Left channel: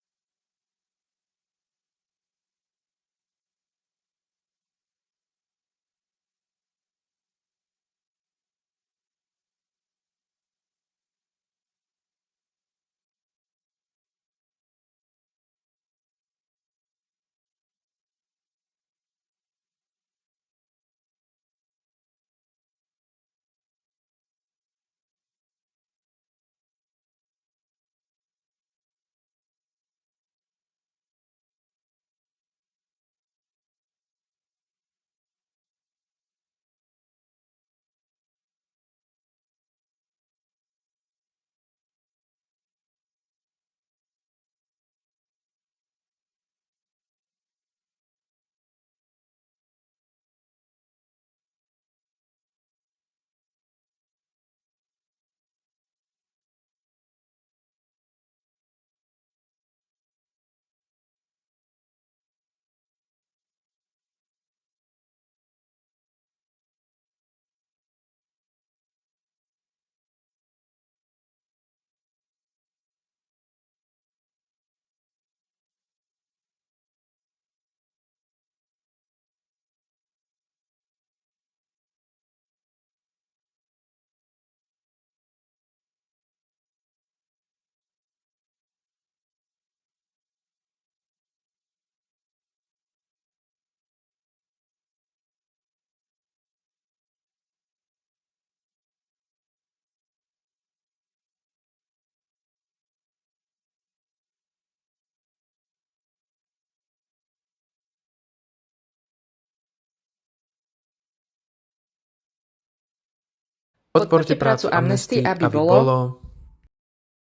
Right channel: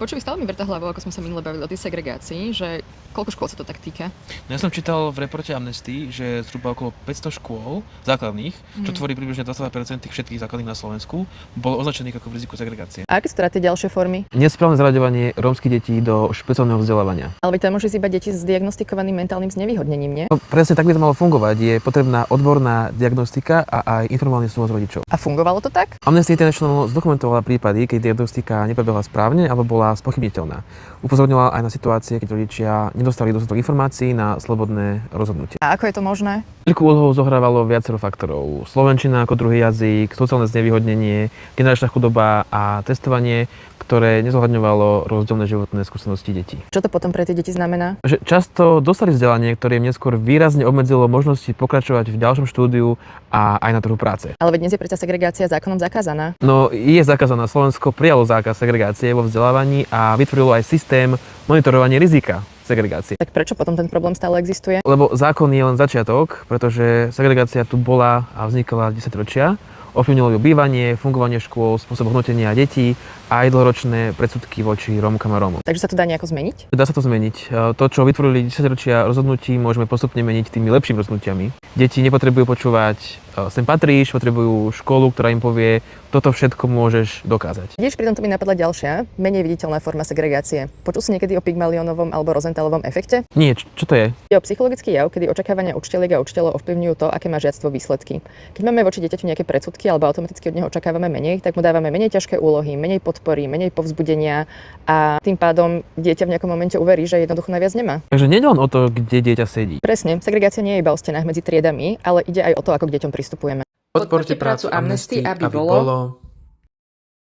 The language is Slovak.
Počuj, stále mi vrta hlavou, ako sme sa minule bavili o tej segregácii, že koľko škôl sa to tak týka? No ja som čítal v reporte Amnesty, že zhruba okolo 500 škôl základných, čo tvorí približne 22% všetkých základných na Slovensku, bolo označených ako v riziku segregácie. A aké sú teda tie ďalšie formy? Nesprávne zaraďovanie rómskych detí do špeciálneho vzdelávania. Ale veď tam môže iba deti s diagnostikovaným mentálnym znevýhodnením, nie? No, presne tak by to malo fungovať. Je potrebná odborná diagnostika a aj informovaný súhlas rodičov. A fungovalo to tak? Amnesty International zdokumentovala prípady, keď diagnostika neprebehla správne alebo bola spochybniteľná. Upozorňovala aj na situácie, keď rodičia nedostali dostatok informácií na slobodné rozhodnutie. A ako je to možné? Veľkú úlohu zohrávalo viacero faktorov. Slovenčina ako druhý jazyk, sociálne znevýhodnenie, generačná chudoba a testovanie, ktoré nezohľadňovalo rozdielne životné skúsenosti detí. Čo to potom pre tie deti znamená? Že často dostali vzdelanie, ktoré im neskôr výrazne obmedzilo možnosti pokračovať v ďalšom štúdiu a aj na trhu práce. Ale veď dnes je predsa segregácia zákonom zakázaná. No je zakázaná. Slovensko prijalo zákaz segregácie vo vzdelávaní a vytvorilo aj systém monitorovania rizika segregácie. Tak prečo potom ten problém stále existuje? Lebo zákon je len začiatok, pretože segregácia tu bola a vznikala 10 ročia. Ovplyvnilo ju bývanie, fungovanie škôl, spôsob hodnotenia detí a aj dlhoročné predsudky voči Rómkam a Rómom. Takže sa to dá nejako zmeniť? Dá sa to zmeniť. To, čo vytvorili 10 ročia rozhodnutí, môžeme postupne meniť tými lepšími rozhodnutiami. Deti nepotrebujú počúvať sem patríš, potrebujú školu, ktorá im povie, toto všetko môžeš dokázať. Vidíš, pri tomto mi napadla ďalšia, menej viditeľná forma segregácie. Počul si niekedy o Pygmalionovom alebo Rosentalovom efekte? Nie, čo to je? Je o psychologický jav, kedy očakávania učiteľiek a učiteľov ovplyvňujú to, aké má žiactvo výsledky. Keď máme voči dieťaťu nejaké predsudky alebo automaticky od neho očakávame menej, tak mu dávame menej ťažké úlohy, menej podpory, menej povzbudenia a tým pádom dieťa v nejakom momente uverí, že jednoducho naviac nemá. Takže nie len o to, kde dieťa sedí. Presne, segregácia nie je iba o stenách medzi triedami, ale ide aj o to, ako k deťom pristupujeme. Podporte prácu Amnesty, aby bolo